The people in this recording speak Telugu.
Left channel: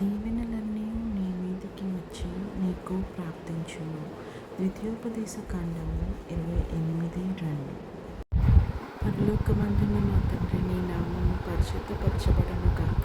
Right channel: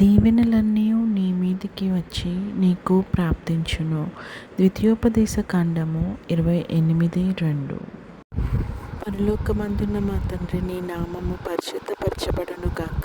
దీవెనలన్నీ నీ మీదికి వచ్చి నీకు ప్రాప్తించును. ద్వితీయోపదేశ కాండము ఇరవై ఎనిమిది రెండు. పరలోకమందున్న మా తండ్రి నీ నామము పరిశుద్ధపరచబడును గాక